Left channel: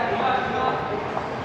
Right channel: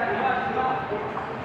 Yeah, you have to go.